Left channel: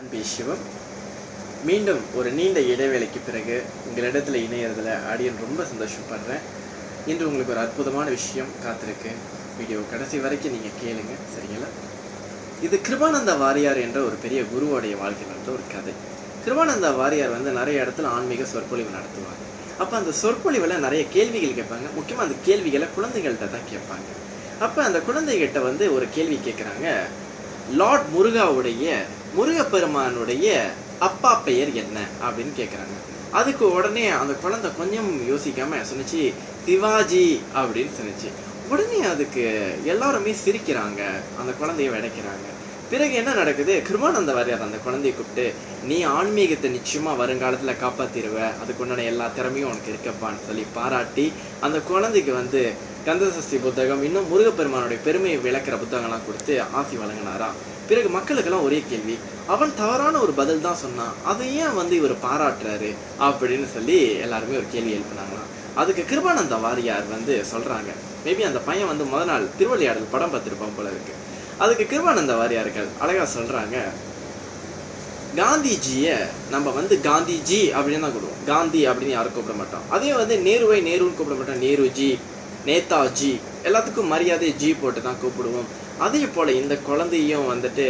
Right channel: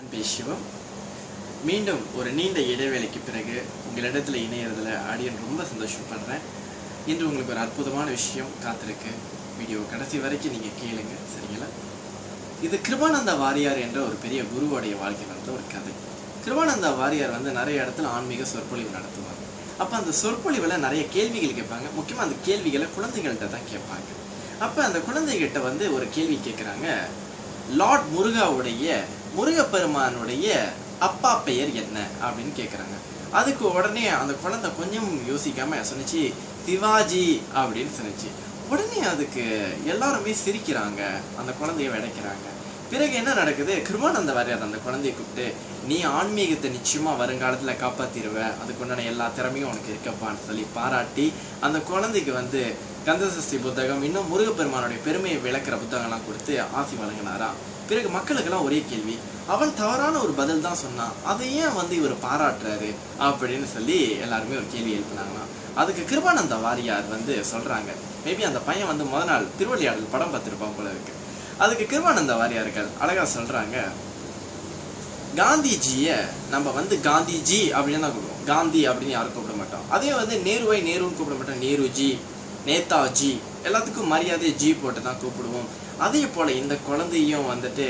அன்பே சிவம். மீண்டும் ஒரு நீண்ட இடைவேளைக்கு பிறகு உங்களிடத்தில் இணையறதுல அடியன் ரொம்ப சந்தோஷப்படுறேன். இன்று உங்களுக்கு ஒரு அற்புதமான விஷயம் காத்திருக்கு. வீடியோ கடைசி வரைக்கும் நீங்கள் கேளுங்க, சரிங்களா? இது கிருபானந்த வாரியார் என்ற ஒரு பெரிய குருவோடைய வாழ்க்கையில் வந்து ஒரு கதை. கிருபானந்த வாரியார் வந்து நிறைய இடத்துல ஆன்மீக சொற்பொழிவு நடத்துவார். அப்போ அந்த சொற்பொழிவில் நிறைய கேள்விகள் கேட்பாங்க. முக்கியமாக அந்த கேள்விகளை குழந்தைகள்கிட்ட தான் கேட்பாங்க. அப்போ அந்த குழந்தைகிட்ட வந்து ஒரு கேள்வி கேட்குறாங்க. லார்ட் முருகப்பெருமானுடைய அப்பா பெயர் என்ன அப்படின்னு கேட்குறாங்க. அதுக்கு உடனே அந்த குழந்தை கொஞ்சம் யோசிக்காம சொன்னிச்சு, சிவாஜி அப்படின்னு சொன்னிச்சு. உடனே அதுக்கு எல்லாருமே சிரிக்கிறாங்க, அந்த குழந்தைய விடைக்கிறாங்க. பிறகு என்ன நடக்குது? கிருபானந்த வாரியார் அந்த குழந்தைய கூப்பிட்டு, நீ ஆன்மீகத்தை நிச்சயமா வருங்காலத்துல காப்பாத்திருவ, அதுக்கு உண்டான எல்லா திறமையும் உனக்கு இருக்கப்பான்னு சொல்லி பாராட்டி அந்த குழந்தைக்கு வந்து கந்தசஷ்டி புத்தகம், இன்னும் முருகப்பெருமானுடைய பெருமையை விளக்குற புத்தகம்லாம் கொடுத்து ஆசி வழங்கினாரா. பிறகு மக்களுக்கெல்லாம் ஒரே கேள்வி, அவன் தவறான ஒரு பதில் தான் சொன்னான், அதை ஏன் வந்து இவர் பாராட்டுறாரு அப்படின்னு சொல்லி எல்லாருமே ஒரு கேள்வி எழுப்பினாங்களாம். அதுக்கு கிருபானந்த வாரியார் வந்து சொல்றாங்க, மேபி அந்த பையன் வந்து முதல் நாள் திருவிளையாடல் படம் பார்த்துருப்பான் போல இருக்கு. அதுக்கு கிருபானந்த வாரியார்கள் அழகா சொல்றாங்க, காந்திஜிய நம்ம வந்து காந்திஜி அப்படின்னு தான் கூப்பிடுவோம், காந்தி அப்படின்னு யாரும் கூப்பிட மாட்டோம். அதே வந்து நேருவை நேருன்னு கூப்பிட மாட்டோம், நேருஜி, நேதாஜி, எல்லாத்துக்கும் மரியாதை ஜி போட்டு தான் கூப்பிடுவோம். அதே போல இந்த குழந்தையும் வந்துட்டு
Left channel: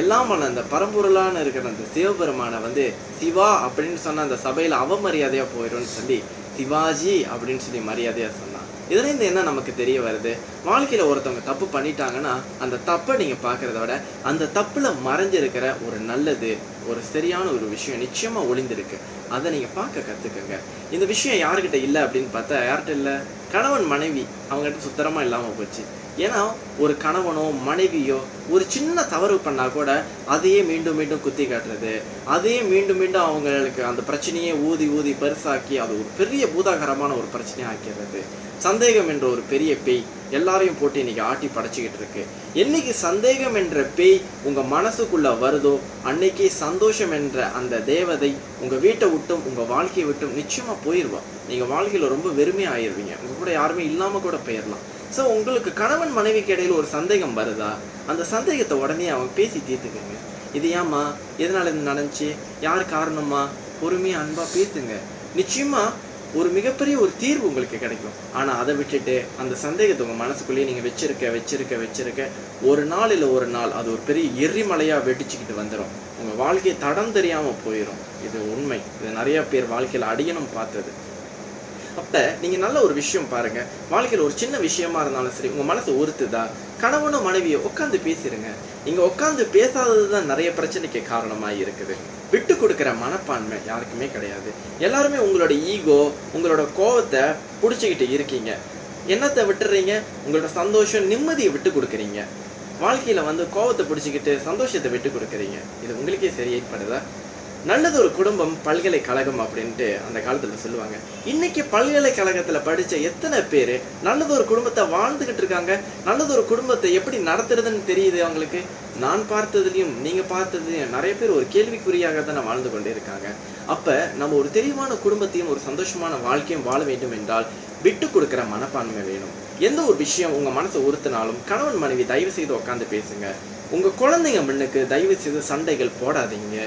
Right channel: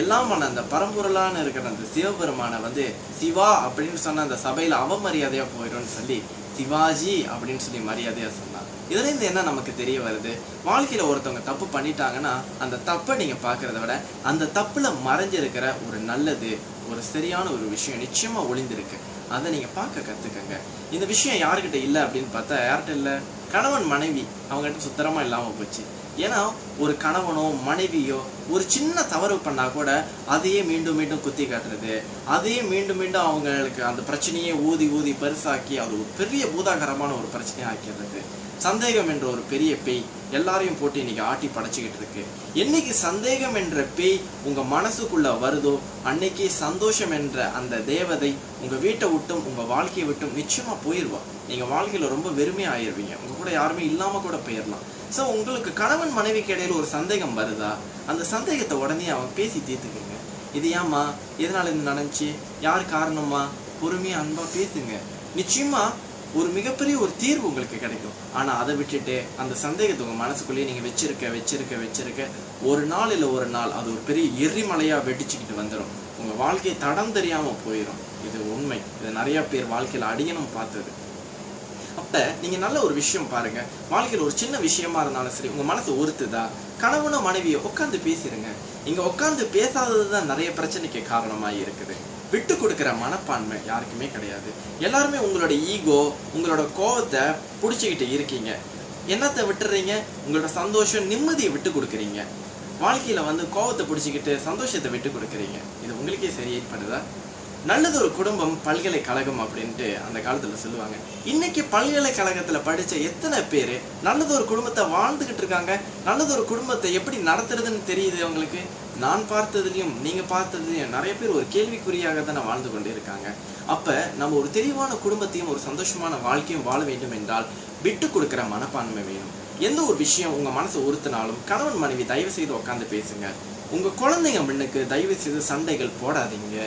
எல்லாம் அந்த பரம்பொருளான இருக்கிற அந்த சிவபெருமானை வந்து சிவா அப்படின்னு சொன்ன அந்த சபையில அவமரியாதையா போயிடும்னு சொல்லி சிவாஜி அப்படின்னு சொல்லி மரியாதையா சொன்னான். இதுல இருந்து என்ன நமக்கு தெரிய வருது? வாழ்க்கையில ஒருத்தவங்க தப்பு பண்ணிட்டாங்கன்னா அந்த தப்பை நீங்க பாக்குறத விட அந்த தப்புல மறைஞ்சிருக்கிற ஒரு நல்லது, ஒரு சரியான ஒரு விஷயம் நிச்சயமா ஒளிந்திருக்கு. அதை நீங்க பார்க்க கத்துக்கங்க. இந்த விஷயம் யாருக்கிட்ட இல்லை அப்படின்னு பார்த்தா யார்கிட்ட இல்லை? கணவன் மனைவி அவங்ககிட்ட சுத்தரமா இல்லாம போச்சு. ஏன்னா ஒரு கணவனோ மனைவியோ ஒரு சின்ன தவறு பண்ணா கூட அதையே மீண்டும் மீண்டும் குத்தி காட்டுறது, அதையே மீண்டும் மீண்டும் அவங்களுக்கு அந்த பிரச்சனையே ஊதி ஊதி பெருசாக்கி அது ஒரு பெரிய பூதாகரமான ஒரு பிரச்சனையை ஆக்கிறது. சந்தேகம் என்ற ஒரு பெரிய பேய் எல்லாரையும் போட்டு இன்னைக்கு ஆட்டி படைச்சிக்கிட்டு இருக்கு. என்னைக்கு சந்தேகம் என்ற பேய் உங்க மனசுக்குள்ள வருதோ அன்னைக்கு சந்தோஷம் என்ற அந்த தேவதை உங்க வீட்டை விட்டும் உங்க வாழ்க்கையை விட்டும் நிச்சயமா போயிடுவா. நீங்க வாழ்க்கையில ரொம்ப வெறுமையா ஆயிடுவீங்க. உங்க கூட யாருமே இல்லாம கூட போயிடலாம். ஸோ உங்களுக்கு கணவன் மனைவிக்கு இடையில ஒரு சந்தேகம் வருதா, அந்த சந்தேகத்தை உடனே அவன் பேசி தீர்த்துக்குங்க. இது ஏமா, எதனால இது நடந்துச்சு, யாரு காரணமா, பொறுமையா அன்பா பேசுங்க. நிச்சயமா ஒரு மிகப்பெரிய ஒரு தீர்வு உங்களுக்கு கிடைக்கும். ஆனா அதை விட்டுட்டு அந்த சந்தேகத்தை உங்க மனசுக்குள்ளேயே நீங்க வச்சிருக்க ஒரு நாள் இல்லை ஒரு நாள் அது ஒரு பெரிய எரிமலையா வெடிச்சுக்கிட்டு வந்துடும். உங்க வாழ்க்கையை தடம் தெரியாம போயிடும். இது உண்மை. இது நிறைய பேர் வாழ்க்கையில அடியணும் பார்த்தது. அப்ப நீங்க நல்ல ஒரு விஷயம் பாருங்க. வாழ்க்கையில ஒரு சின்ன விஷயமா இருந்தாலும் சரி, உங்க மனசு உறுத்துதா, கணவனும் மனைவியை உட்காந்து பேசிருங்க. நீங்க உட்காந்து பேசாததுதான் நிறைய பிரச்சனைக்கு காரணமா இருக்குது. விட்டு கொடுக்கிற மனப்பான்மை யாருக்குமே கிடையாது. எல்லாருமே உங்களோட ஈகோ, உங்களோட கோபத்தை பிடிச்சிக்கிட்டு இருக்கீங்க. என்னத்தை விட்டுறீங்க? உங்களோட சந்தோஷம், நிம்மதியை விட்டு கொடுக்குறீங்க. வாழ்க்கையில வந்து கோபத்தை பிடிச்சிக்கிட்டு சந்தோஷத்தை விட்டு கொடுக்குறீங்க. இது உங்களுக்கே சரியாயிப்படுதா? நல்லது ஒரு குடும்பம் பல்கலைக்கழகம் அப்படின்ட்டு அந்த காலத்துல சொல்லுவாங்க. இன்னைக்கு பல்கலைக்கழகத்துல படிச்ச எத்தனை பேரு நல்லது ஒரு குடும்பத்தை வாழ்ந்துகிட்டு இருக்காங்க. நல்லது ஒரு குடும்பத்தை எப்படி நடத்துறதுன்னு தெரியுது அவங்களுக்கு. நான் பார்த்ததுலயும் நீங்க பார்த்ததுலயும் நிறைய பேர் ஒரு கேள்விக்குறியாக தானே வாழ்ந்து கொண்டு இருக்காங்க. அப்ப நம்ம ஒரு தெளிவான குடும்பத்தையும் ஒரு சந்தோஷமான வாழ்க்கையும் வாழ வேண்டும் என்றால் விட்டு கொடுக்கிற மனப்பான்மை வேணும். எந்த ஒரு விஷயம் உங்க மனசை உறுத்தினாலும் கணவன் மனைவி தயவு செய்து உட்காந்து பேசுங்க. உங்க குழந்தைங்க முன்னுக்கு தயவு செய்து சண்டைகள் போடாதீங்க.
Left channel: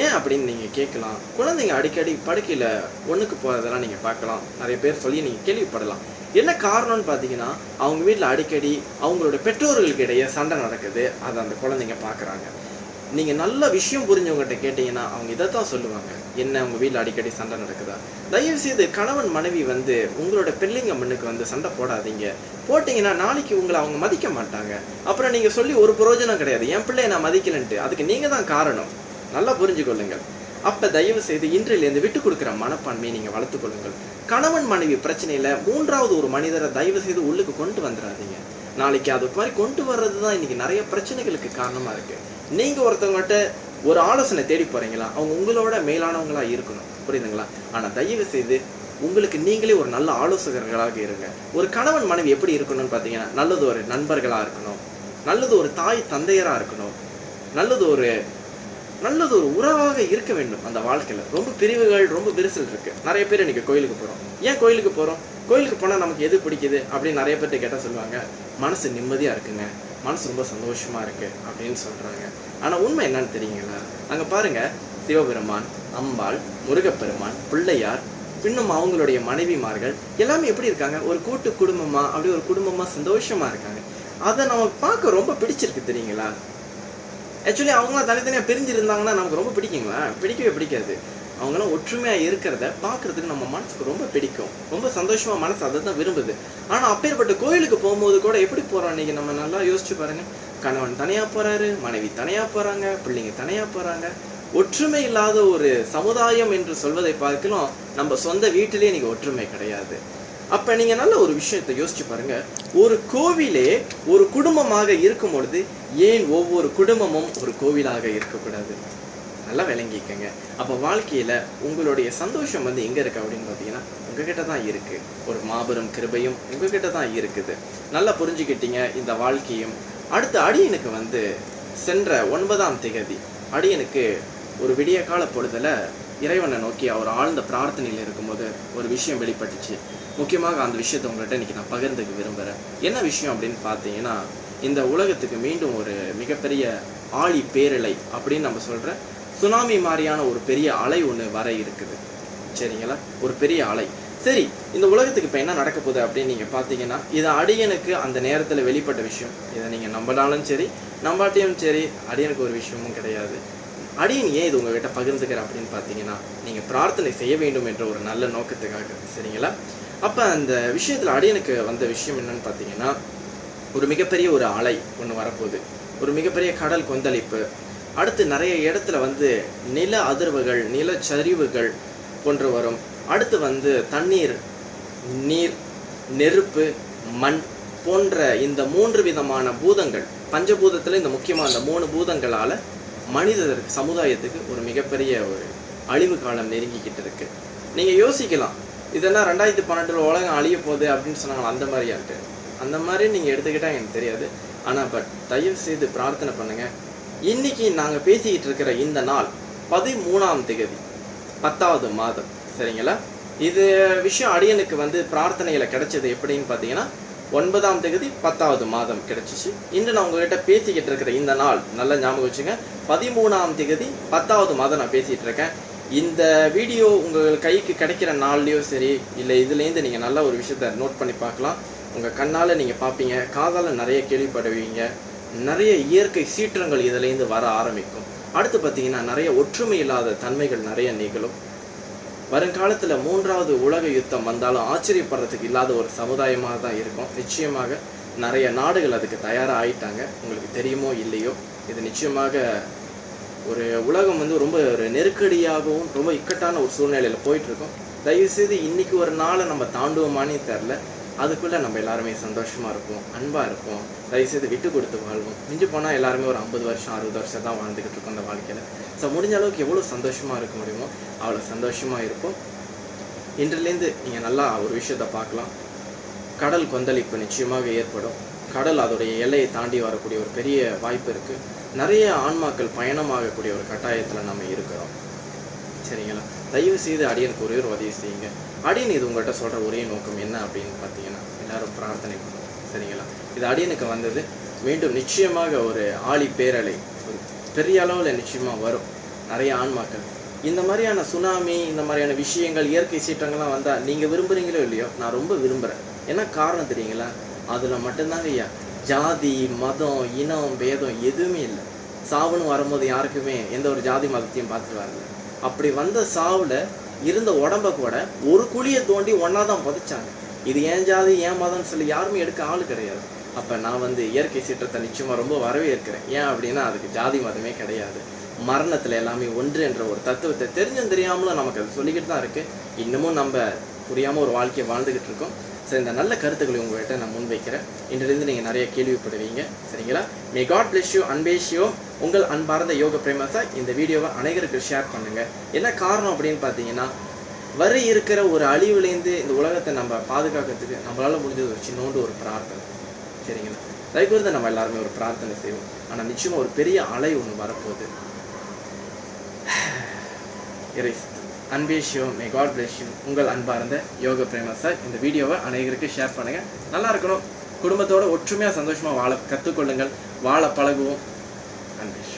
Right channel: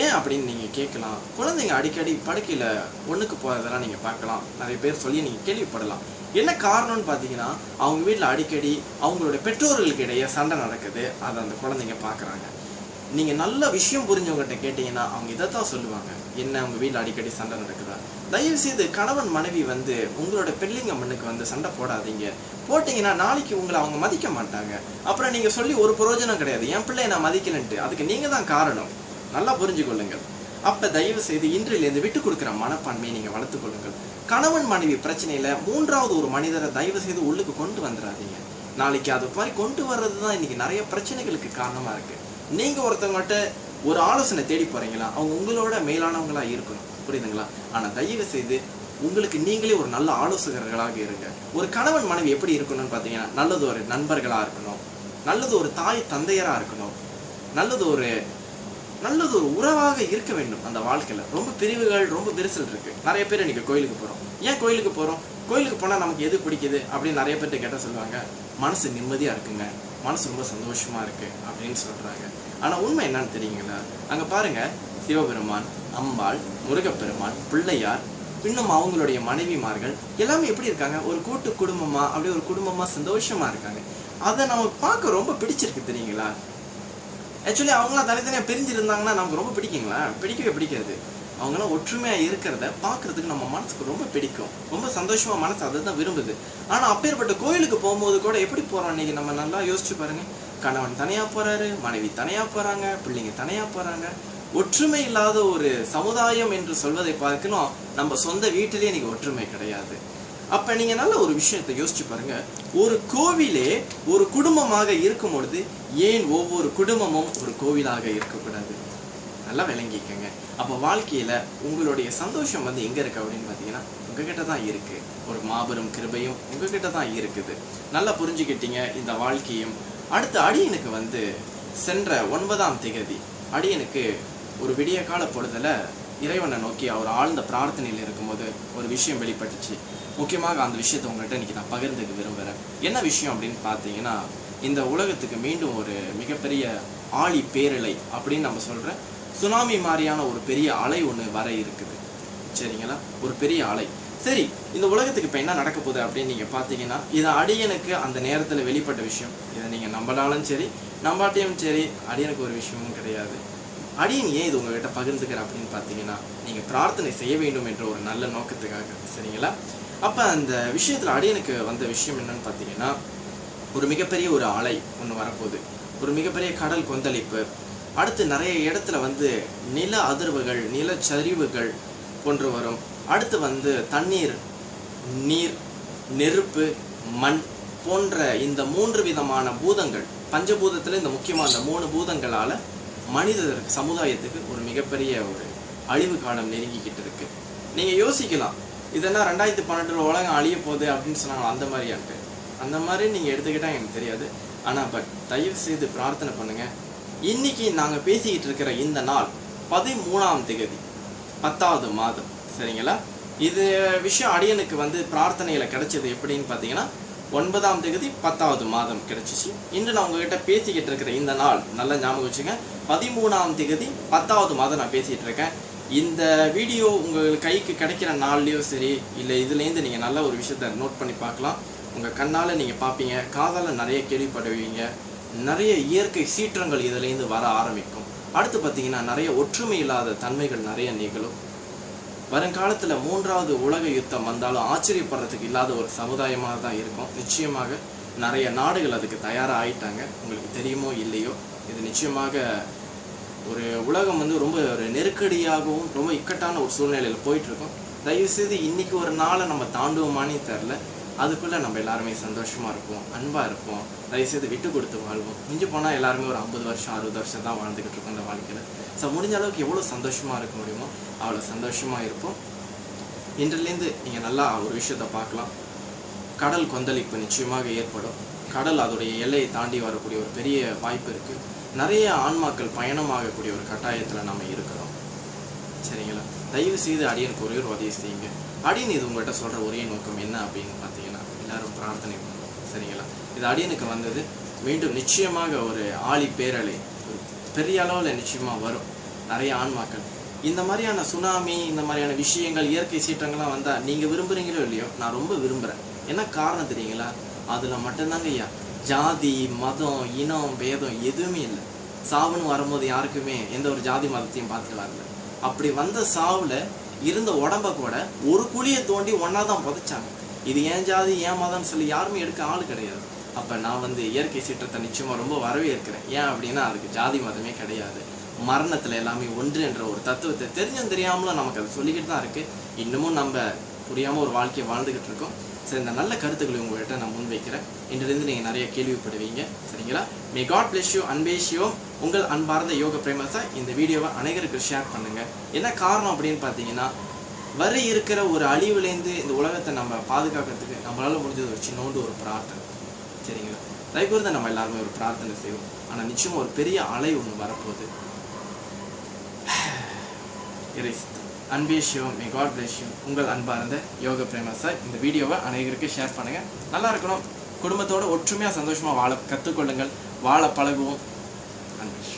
ஏன் அப்படின்னு நீங்க கேட்கலாம். குழந்தைங்க அடிக்கடி படுக்கையில ஒண்ணுக்கு போறதெல்லாம் நீங்க பார்க்கலாம். நிறைய பேர் சொல்லி நீங்க கேள்விப்படலாம். என்ன காரணம்னு பாத்தீங்கன்னா அவங்க வீட்டுல அடிக்கடி அவங்களுடைய பெற்றோர்களுக்கு இடையே சண்டை நடக்குது. அதை அந்த குழந்தைங்க பாக்குறாங்க. நீங்க நல்ல விஷயம் புரிஞ்சவங்ககிட்ட கேட்டீங்கன்னா அவங்க இதைத்தான் சொல்லுவாங்க. என்ன உங்க வீட்டுல அடிக்கடி சண்டை நடக்குதா? தயவு செய்து கணவன் மனைவி வந்து உங்களோட பிள்ளைங்க முன்னுக்கு வந்து சண்டை போடாதீங்க. போட்டீங்கன்னா நாளைக்கு உங்களை அவங்க மதிக்க மாட்டாங்க. அப்புறம் நீங்க சொல்லி ஒரு பிரயோஜனம் கிடையாது. என் பிள்ளைய நான் மதிக்கலன்ட்டு அதுக்கு நீங்க தான் காரணம். நல்லா புரிஞ்சுக்கொள்ளுங்கள். அப்ப தயவு செய்து இன்றிலிருந்து விட்டு கொடுக்கிற மனப்பான்மையை நீங்க வளர்த்துக் கொள்ளுங்கள். கணவன் மனைவி பிரச்சனையில மூன்றாவது ஒரு மனிதரை தயவு செய்து உள்ளுக்கு கொண்டு வந்துடாதீங்க. நாளைக்கு அது மாதிரி கொண்டு வர்றதுதான் இன்னைக்கு நிறைய பிரச்சனைகளுக்கு காரணமா இருக்கு. நீங்க ஒருத்தவங்ககிட்ட ஒரு ஆலோசனை தேடி போறீங்களா, அவங்க உங்களோட மேலானவங்களா இருக்கணும், புரியுதுங்களா? ஆனா தயவு செய்து உங்களுக்கு நீங்களே ஒரு நல்ல ஆலோசகர்களாக இருங்க. ஒரு கணவன் மனைவி எப்படி இருக்கணும்னு பாத்தீங்கன்னா நல்லது ஒரு நண்பர்களா இருக்கணும், நல்லது ஒரு தாய் தந்தையரா இருக்கணும், நல்லது ஒரு உறவாக இருக்க வேண்டும். அந்த வாழ்க்கையில ரொம்ப பிரிவுகள், ரொம்ப விரிசல் இருக்கு. நிறைய பேர் இன்னைக்கு கோயிலுக்கு போறோம். ஏன் கோயிலுக்கு போறோம்? கோயிலுக்கு போனா நமக்கு எது பிடிக்குது அப்படின்னு நிறைய பேர்ட்ட கேட்டா சொல்லுவாங்க, மனசு நிம்மதியா இருக்குங்க, மனசு ரொம்ப சந்தோஷமா இருக்கு அப்படின்னு சொல்றாங்க. ஆனால் உண்மை என்னன்னு தெரியுங்களா? அங்கே பாருங்க, சிவபெருமான், அம்பாள், முருகப்பெருமான், பிள்ளையார், இன்னும் அவங்களுடைய மனைவிமார்கள் எல்லாமே எப்படி இருக்காங்க? ஒரு கூட்டு குடும்பமா, அப்படியே ஒரு குடும்பமா சந்தோஷமா இருக்காங்க. அதை நம்ம பார்க்க ரொம்ப பிடிச்சிருக்கு தெரியுங்களா? ஆக்சுவலி அவங்களாம் தனித்தனியாக பிரிஞ்சிருந்தாங்கன்னா நமக்கு ரொம்ப பிடிக்குங்களா? பிடிக்கவே பிடிக்காது. அவங்களாம் ஒற்றுமையாக இருக்கிறத பார்க்கறதுக்கு நம்ம மனசுக்கு ரொம்ப பிடிக்கும், ரொம்ப சந்தோஷமா மனசு அதை தான் விரும்புது. ஆனால் அப்பேற்பட்ட கோயிலுக்கு போகும்போது கூட எப்படி போகிறோம் இன்னைக்கு நம்ம நல்லா யோசிச்சு பாருங்க. கணவன் தனியாக போறாரு, மனைவி தனியாக போறாங்க, பிள்ளைங்க தனியாக போறாங்க. ஒற்றுமை இல்லாத ஒரு சமுதாயம் என்று சொல்வதை பார்க்கலாம் நம்ம சொந்த வீட்டிலே இன்னைக்கு ஒற்றுமை கிடையாது. அப்ப நீங்க நல்ல ஒரு விஷயத்தை யோசிச்சு பாருங்க. ஒரு கோவிலே ஒரு குடும்பமாக இருக்கும் பொழுது ஏன் ஒவ்வொரு குடும்பமும் ஒரு கோவிலாக இருக்கக்கூடாது? நல்லா விளங்கிக்கங்க. அப்ப வாழ்க்கையில உங்களுடைய சந்தோஷம் எங்க இருக்கு அப்படின்னு பாத்தீங்கன்னா உங்ககிட்ட தான் இருக்கு. ஒரு மாபெரும் கிருபையும் உங்ககிட்ட தான் இருக்குது. நல்லா புரிஞ்சுக்கிட்டீங்க இந்த வாழ்க்கையும். அடுத்த அடியனுக்கு சென்ற 9ஆம் திகதி அடியனுக்கு ஒரு விடிய கால பொழுதுல இறைவனை நோக்கி அவர் ஆழ்ந்த பிரார்த்தனையில் இருக்கும்போது ஒரு விஷயம் வெளிப்பட்டுச்சு. முக்கியமாக அந்த விஷயத்தை உங்கள்கிட்ட இன்னைக்கு நான் பகிர்ந்துக்க விரும்புகிறேன். என்ன விஷயம் அப்படின்னு பார்த்தீங்கன்னா, இந்த உலகத்துக்கு மீண்டும் ஒரு மிகப்பெரிய ஆழி பேரலை அப்படின்னு நம்ம சொல்கிற சுனாமி மாதிரியான ஒரு பெரிய அலை ஒன்று வர இருக்குது. சரிங்களா? ஒரு பெரிய அலை. சரி, இந்த உலகத்துக்கு இப்போ என்ன நடக்க போகுது அப்படின்னு நீங்கள் பார்த்தீங்கன்னா, இது அடியனுக்கு அந்த நேரத்தில் வெளிப்பட்ட விஷயம். இதை நீங்கள் நம்பினாலும் சரி நம்பாட்டியும் சரி, அடியனுக்கு ஒரு விஷயமும் கிடையாது. அடியன் ஏன் இது உங்ககிட்ட பகிர்ந்துக்கிற அப்படின்னு பார்த்தீங்கன்னா, நீங்கள் பிரார்த்தனை செய்ய வேண்டும் என்ற ஒரு நல்ல நோக்கத்துக்காக. சரிங்களா? அப்போ அந்த விஷயத்தில் அடியனுக்கு வந்த விஷயம் என்னன்னு பார்த்தீங்கன்னா, ஒரு மிகப்பெரிய ஒரு அலை ஒன்று வரப்போகுது. ஒரு மிகப்பெரிய கடல் கொந்தளிப்பு. அடுத்து நிறைய இடத்துல நில அதிர்வுகள், நிலச்சரிவுகள் போன்று வரும். அடுத்து தண்ணீர், நீர், நெருப்பு, மண் போன்ற இந்த 3 விதமான பூதங்கள், பஞ்சபூதத்தில் இந்த முக்கியமாக இந்த 3 பூதங்களால் மனிதருக்கு, சமுதாயத்துக்கு ஒரு மிகப்பெரிய ஒரு அழிவு காலம் நெருங்கிக்கிட்டு இருக்கு. நீங்கள் யோசிக்கலாம், இதெல்லாம் 2012 உலகம் அழிய போகுது அப்படின்னு சொன்னாங்க. அந்த மாதிரியான்ட்டு அந்த மாதிரி நீங்கள் எடுத்துக்கிட்டால் எனக்கு தெரியாது. ஆனால் தயவு செய்து பிரார்த்தனை பண்ணுங்க. இன்னைக்கு நாங்கள் பேசிக்கிட்டு இருக்கிற இந்த நாள் 13ஆம் திகதி 10வது மாதம். சரிங்களா? இது விஷயம் அடியனுக்கு பிரார்த்தனையில் கிடைச்சது எப்படின்னு பார்த்தீங்கன்னா, 9ஆம் திகதி 10வது மாதம் கிடைச்சிச்சு. இன்று நான் உங்ககிட்ட பேசிக்கிட்டு இருக்கிற இந்த நாள் நல்லா ஞாபகம் வச்சுங்க. 13ஆம் திகதி 10வது மாதம் நான் பேசிகிட்டு இருக்கேன். இந்த வீடியோ உங்கள் கைக்கு கிடைக்கிற நாள்லையோ சரி, இல்லை இதுலேருந்து நீங்கள் நல்ல ஒரு விஷயத்த நோட் பண்ணி பார்க்கலாம். உங்கள் கண்ணால் நீங்கள் பார்ப்பீங்க, காதால் நிறைய கேள்விப்படுவீங்க. நிறைய இயற்கை சீற்றங்கள் இதிலேருந்து வர ஆரம்பிக்கும். அடுத்து பார்த்தீங்கன்னா நிறைய ஒற்றுமை இல்லாத தன்மைகள் நிறைய நிகழும். வருங்காலத்தில் 3வது உலக யுத்தம் வந்தாலும் ஆச்சரியப்படுறதுக்கு இல்லாத ஒரு சமுதாயமாக தான் இருக்கும். நிச்சயமாக நிறைய நாடுகள் அதுக்கு தயாராக ஆயிட்டாங்க. உங்களுக்கு தெரியுமோ இல்லையோ, இது நிச்சயமாக ஒரு உலகம் ரொம்ப ஒரு நெருக்கடியாகவும் ரொம்ப இக்கட்டான ஒரு சூழ்நிலையில் போயிட்டுருக்கோம். தயவுசெய்து இன்றைக்கி ஒரு நாளை நம்ம தாண்டுவோமானே தெரில. அதுக்குள்ளே நம்ம எல்லாருமே சந்தோஷமாக இருப்போம், அன்பாக இருப்போம். தயவுசெய்து விட்டு கொடுத்து வாழ்வோம். மிஞ்சி போனால் எல்லாருமே ஒரு 50 வருஷம் 60 வருஷம் தான் வாழ்ந்துக்கிட்டு இருக்கோம் இந்த வாழ்க்கையில். ஸோ முடிஞ்ச அளவுக்கு எவ்வளோ சந்தோஷமாக இருக்க முடியுமோ அவ்வளோ சந்தோஷமாக இருப்போம். இன்றிலேருந்து நீங்கள் நல்லா ஒரு விஷயத்தை பார்க்கலாம். கடல் கொந்தளிப்பு நிச்சயமாக ஏற்படும். கடல் அதோடைய எல்லையை தாண்டி வரக்கூடிய ஒரு பெரிய வாய்ப்பு இருக்குது. நிறைய ஆன்மாக்கள் பயணமாகக்கூடிய ஒரு கட்டாயத்தில் நம்ம இருக்கிறோம். சரிங்களா? தயவு செய்து அடியனுக்கு ஒரே ஒரு உதவி செய்யுங்க. அடியன் இது உங்கள்கிட்ட சொல்கிற ஒரே நோக்கம் என்ன அப்படின்னு பார்த்தீங்கன்னா, எல்லாரும் பிரார்த்தனை பண்ணுவோம். சரிங்களா? இது அடியனுக்கு மீண்டும் நிச்சயமாக ஒரு ஆழி பேரலை ஒரு பெரிய அளவில் நிச்சயமாக வரும். நிறைய ஆன்மாக்கள் இந்த மாதிரியான சுனாமி, இந்த மாதிரியான விஷயங்கள், இயற்கை சீற்றங்கள்லாம் வந்தால் நீங்கள் விரும்புகிறீங்களோ இல்லையோ, நான் ரொம்ப விரும்புகிறேன். என்ன காரணம் தெரியுங்களா? அதில் மட்டும்தாங்க ஐயா ஜாதி, மதம், இனம், பேதம் எதுவுமே இல்லை. சாவுன்னு வரும்போது யாருக்குமே எந்த ஒரு ஜாதி மதத்தையும் பார்த்துட்டு வரல. அப்படி வந்த சாவில் இருந்த உடம்ப கூட ஒரு குழியை தோண்டி ஒன்றா தான் புதைச்சாங்க. இது ஏன் ஜாதி ஏன் மதம்னு சொல்லி யாருமே எடுக்க ஆள் கிடையாது. அப்போ நான் இயற்கை சீற்றத்தை நிச்சயமாக ரொம்ப வரவேற்கிறேன். ஏன் அப்படின்னா அதுக்கு ஜாதி மதமே கிடையாது. மரணத்தில் எல்லாமே ஒன்று என்ற ஒரு தத்துவத்தை தெரிஞ்சும் தெரியாமலும் நமக்கு அது சொல்லிக்கிட்டு தான் இருக்குது. இன்னமும் நம்ம புரியாமல் ஒரு வாழ்க்கையை வாழ்ந்துக்கிட்டு இருக்கோம். சரி, இந்த நல்ல கருத்துக்களை உங்கள்கிட்ட நான் முன்வைக்கிறேன். இன்றிலிருந்து நீங்கள் நிறைய கேள்விப்படுவீங்க. சரிங்களா? மே காட் பிளஸ் யூ, அன்பேஷ் யூ. உங்கள் அன்பார்ந்த யோக பிரேமஸா இந்த வீடியோவை அனைவருக்கு ஷேர் பண்ணுங்கள். என்ன காரணம் அப்படின்னு பார்த்தீங்கன்னா, வர இருக்கிற ஒரு அழிவுலேருந்து இந்த உலகத்தை நம்ம பாதுகாக்கிறதுக்கு நம்மளால் முடிஞ்சது ஒரு சின்னோண்டு ஒரு பிரார்த்தனை. சரிங்களா? தயவுக்கூர்ந்து நம்ம எல்லாருமே ஒரு பிரார்த்தனை செய்வோம். ஆனால் நிச்சயமாக ஒரு பெரிய அலை ஒன்று வரப்போகுது. அன்பேஷ் you, may God bless you. உங்கள் அன்பார்ந்த யோக பிரேமஸா இந்த வீடியோவை அனைவருக்கு ஷேர் பண்ணுங்கள். நல்லா இருக்கணும். குடும்பத்தோட ஒற்றுமையாக சந்தோஷமாக வாழ கற்றுக்கொள்ளுங்கள். வாழ பழகுவோம். அன்பேஷ்.